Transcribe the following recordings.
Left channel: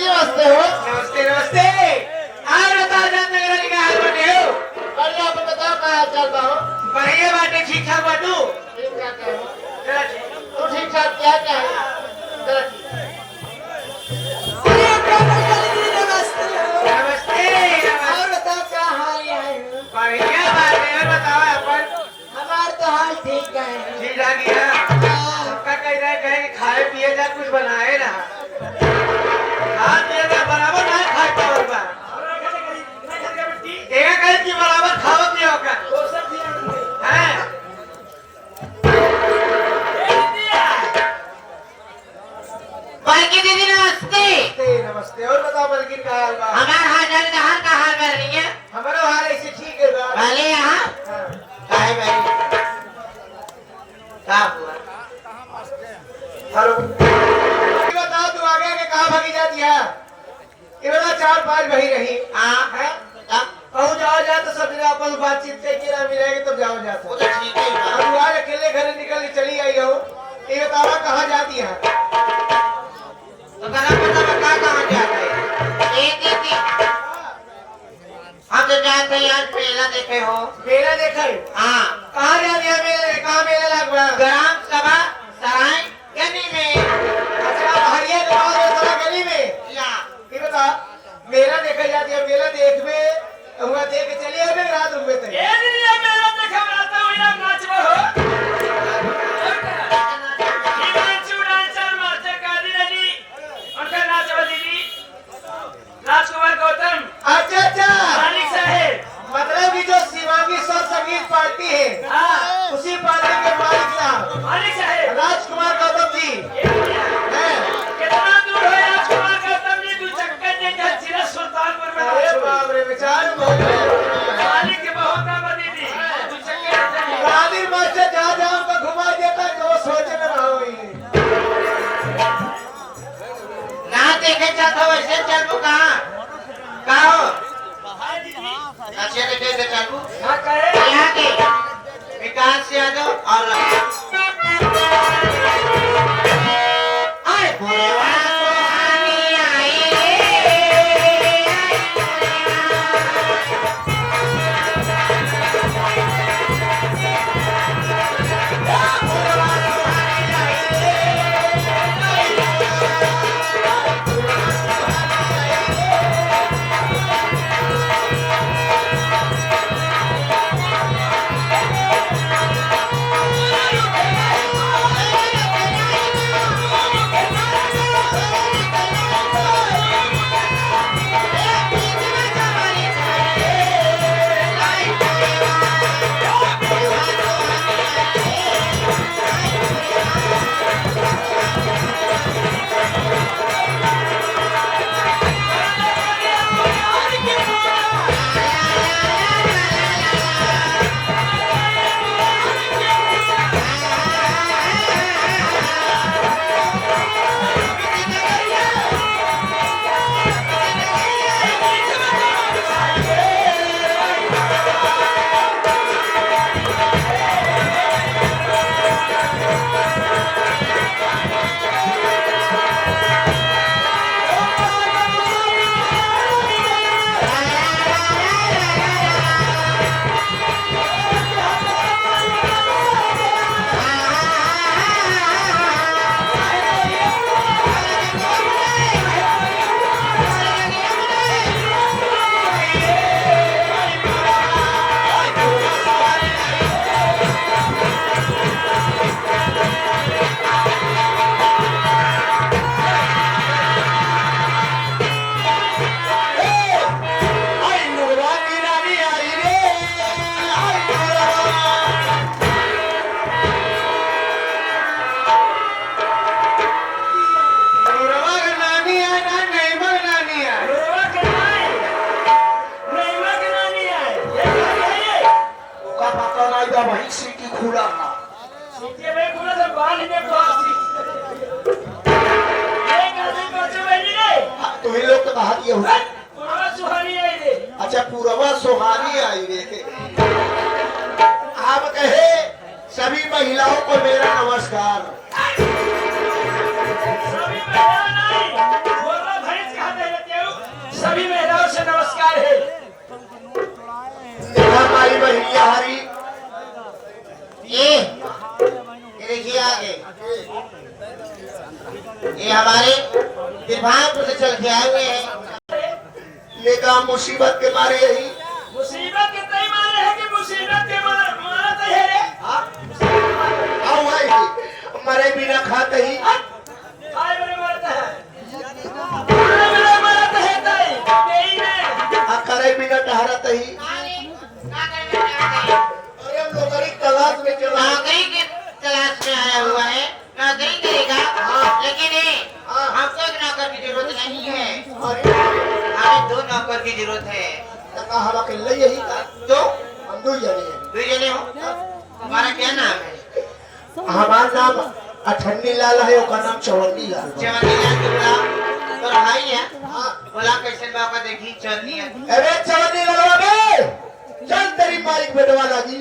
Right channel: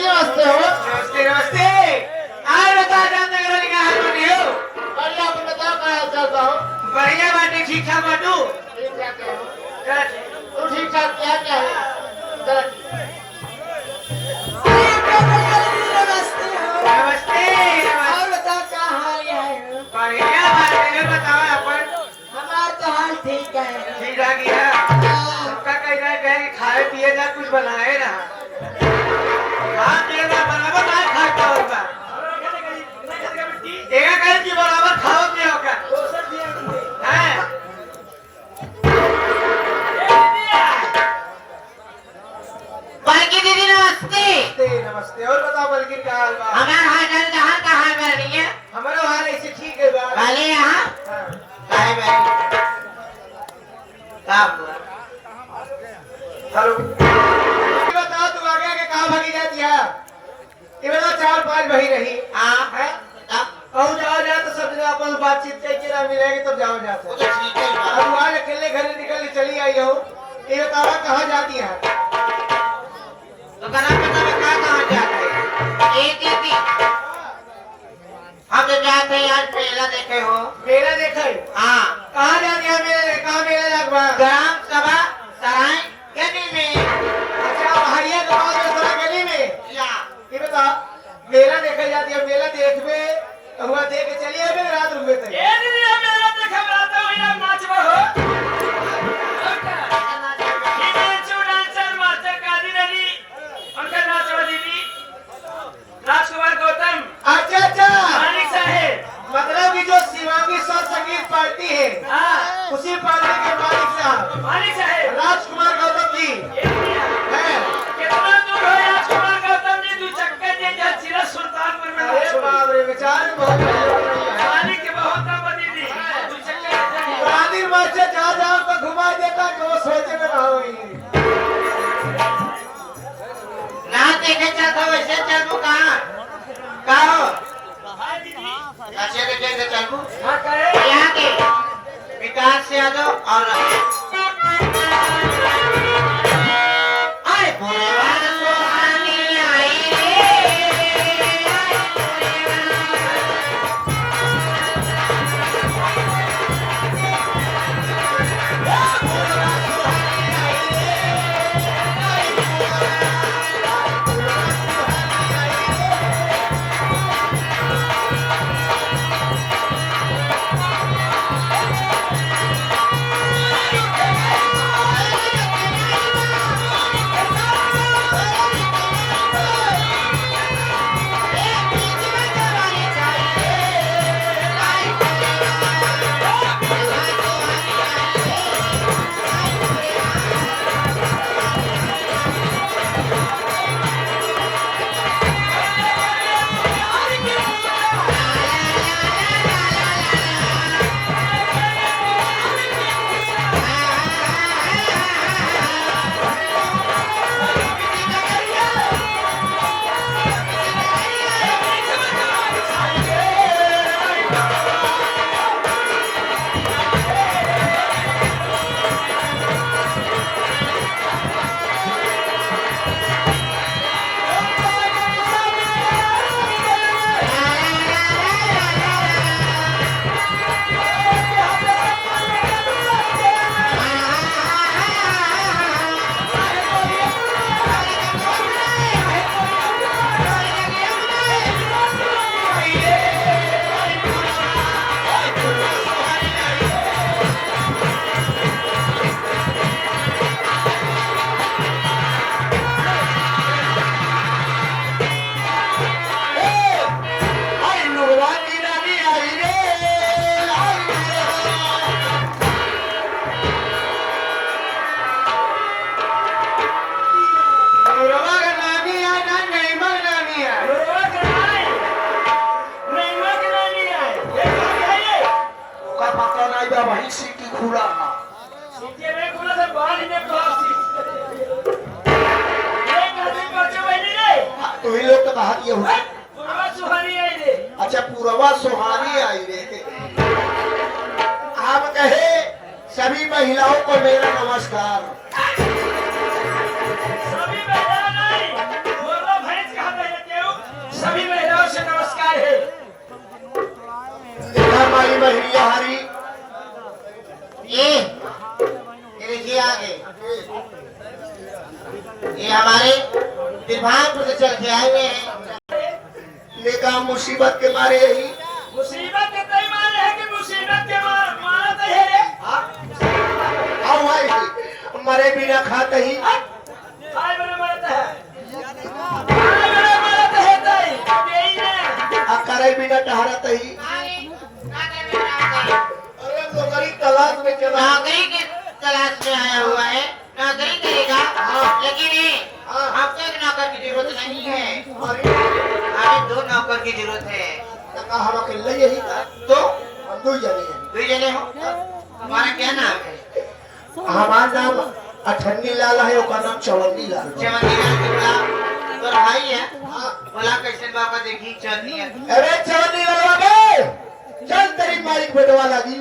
जी नमस्ते हो। नमस्ते नमस्ते। आज बता जाते मेरा क्या हाल बने हो? बढ़िया, आप बताओ क्या हाल चाल बा हो? बढ़िया बाटे, ठीक ठाक बाटू। ठीक ठाक है हो? तू ठीक ठाक क्या क्या है? जरा नमस्ते और बताओ क्या हाल है? बढ़िया बाटे और बताओ अपन। हमार तो हाल ठीक है। ठीक आ गया। सबका कह रहा है कि खाए पिए जा कुछ बनाए ना। खा पिए जा बराबर ना खाए पाओ बा। देखा कहीं कि बराबर खाओ पियो का। हैं? बल्कि दीदी नमस्ते। नमस्ते और बताओ बल्कि क्या हाल बा? हमार हाल जहां का हाल कर रही है हमारा हाल ऐसे ठीक है बा। पहले यहाँ हाँ। काहे बैठी साहब हेलो, ये बताओ तू आगे आगे कहाँ भागी जाती है? ये बता 4-5 बही रही हाँ है। कहूँ जाओ जाए तो सब जगह अपन बातचीत करके ना मिलेगी तब जाओ जाते वो तो ठीक है अब तू आज अकेले घर निकल के चली आई हो। ये बताओ कहाँ जाती है? तो बना पता मैं कहाँ जाता है एक एक हम तो जाते हैं यार मेला देखे हो मेला देखा है? हाँ कहाँ जाती है मेले? कहाँ मेला लगवा? ग्राम सभा सराय गली में अच्छा भैया के गाँव में थोड़ा गली में। या ये बता मेला देखा जाती है, मेला देख में हुआ देख के चली आई रात रुक गए थे। राजकुमार गौतम अच्छा अच्छा, मालिक साहेब। मतलब कि जो शिवांगी स्वर संगीत पार्टी है हाँ उसी पार्टी के मालिक साहब मालिक साहेब। राजकुमार गौतम जी हैं। कितना दूर है राजकुमार गौतम जी? 2 चक्कर देकर जिला सुल्तानपुर में अरे बाप रे, बेचारे बहुत मालिक के बहुत नाम दीदी 2 चक्कर बहादुर मास्टर जहाँ जहाँ को घुमा देता जो सोचे में रहा हुई। ना देखे चलता वैसे चलबू कहाँ हो अच्छे देखे से चलबू हाँ करे यहाँ के विकास यादव और अरे बुआ सुहानी आई रे। तुम्ही लोग तो बाहर ये हो। सुहानी आई रे। अच्छा पूर्वा सुहानी आई रे थे। आप कहे सभी महिलाओं को मेरा नमस्कार। सभी महिला नहीं, बोलो भैंस कहाँ सभी महिलाओं से नमस्कार है। हमारी बहनिया हरी ये देखिए आगे, ये हमारे दिलभाग से चल के आए हुए हैं। लेकिन मुसीबत के मारे ही मुसीबत के तय मारे है कि मुसीबत के मारत है। आओ आई मरे बिना खाते ही आए मेरे मरत है, आए मेरे मरत है तय यही में करे बिना टहरत ही। अरे हम लोग गरीब तलाश में चला नौकरी के तलाश में आया हुआ है, नौकरी करेगा। लेकिन हमको एक नौकर की जरूरत नहीं है, हमें 2 नौकर की जरूरत है। हम अकेले यही था, तो हम 2 जने हैं। 2 जने हो, हमारा क्या नाम है? हमारा नाम अठन्नी लाल है, उसका नाम चवन्नी लाल है। चवन्नी लाल तो बोला तो भाई है, बोला कैसे मौका देखी चवन्नी है। अरे चवन्नी लाल बे, चल तेरी माइक बेटवा लगी।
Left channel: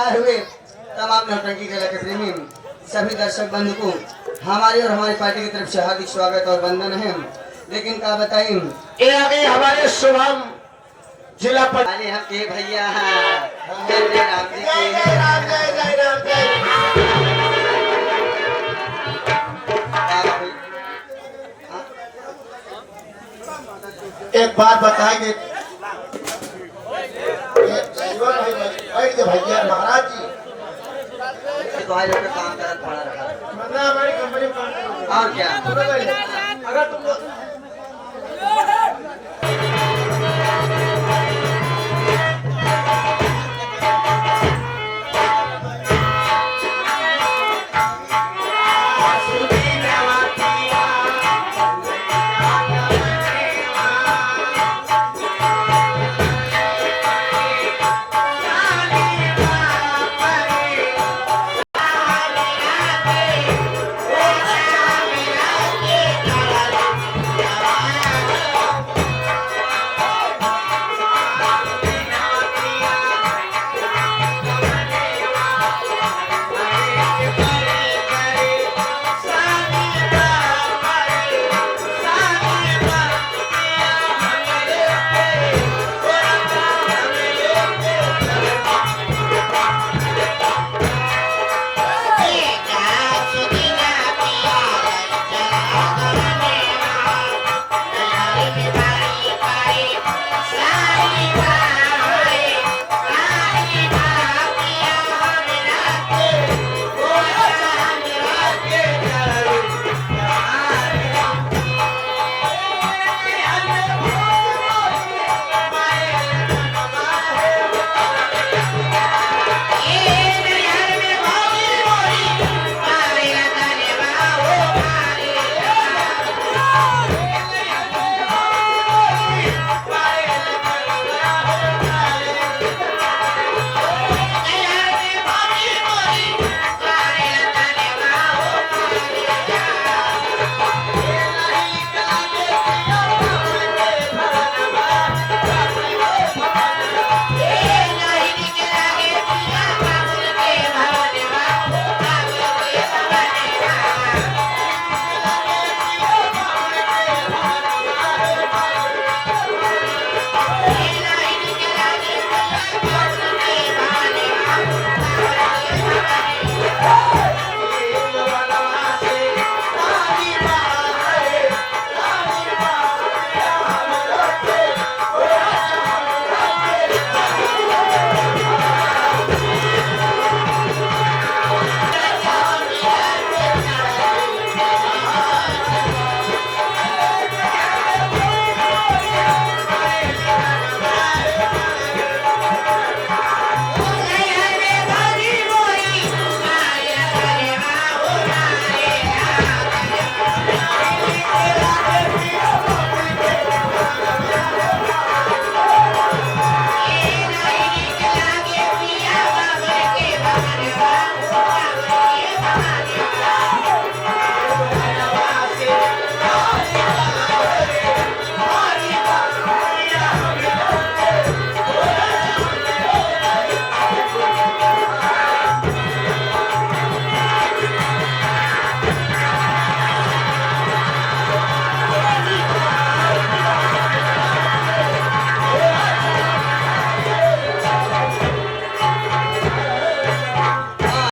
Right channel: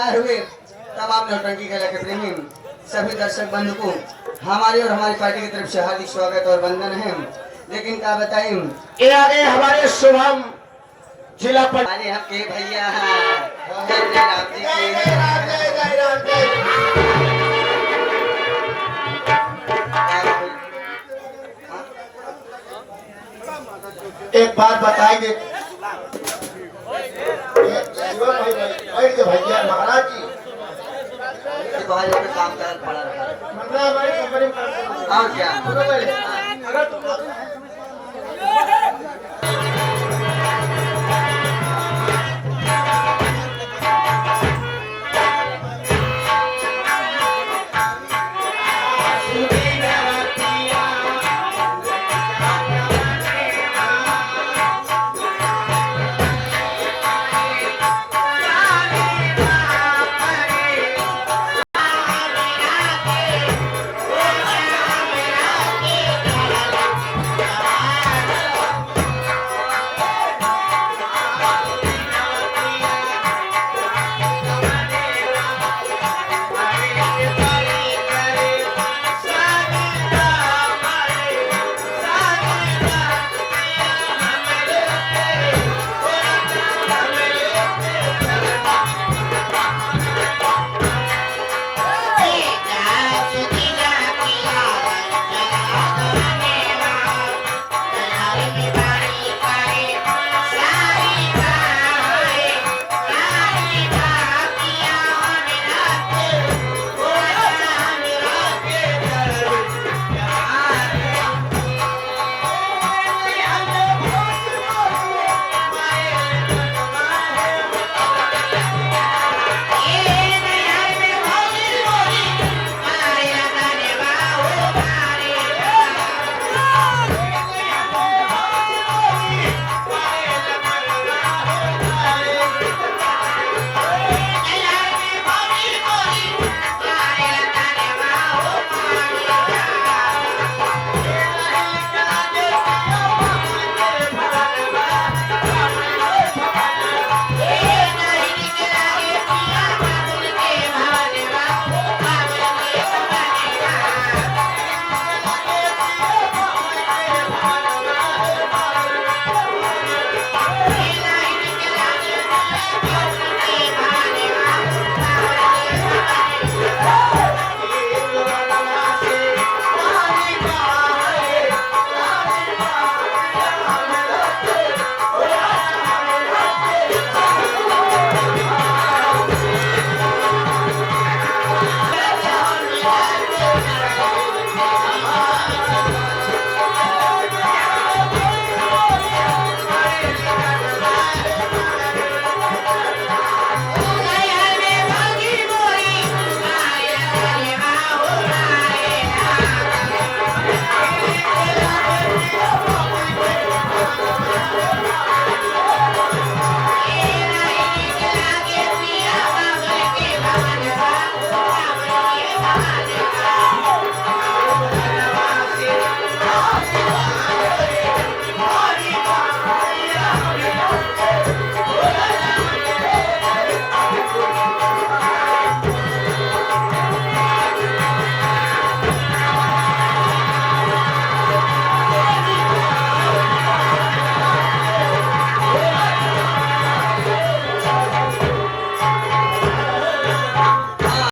आए हुए तमाम नौटंकी कला के प्रेमी सभी दर्शक बंधु को हमारी और हमारी पार्टी की तरफ से हार्दिक स्वागत और वंदन है। लेकिन क्या बताएं, ये आगे हमारे शुभम जिला पर हमारे यहाँ के भैया जय जय राम जी जय की जय राम जय जय राम जय। एक बात बताएंगे भैया महाराज जी, भाई लोग का काम कर पड़ा रहा मतलब हमारी कंपनी में काम करते हैं। और क्या सुनो पहले, अगर तुम है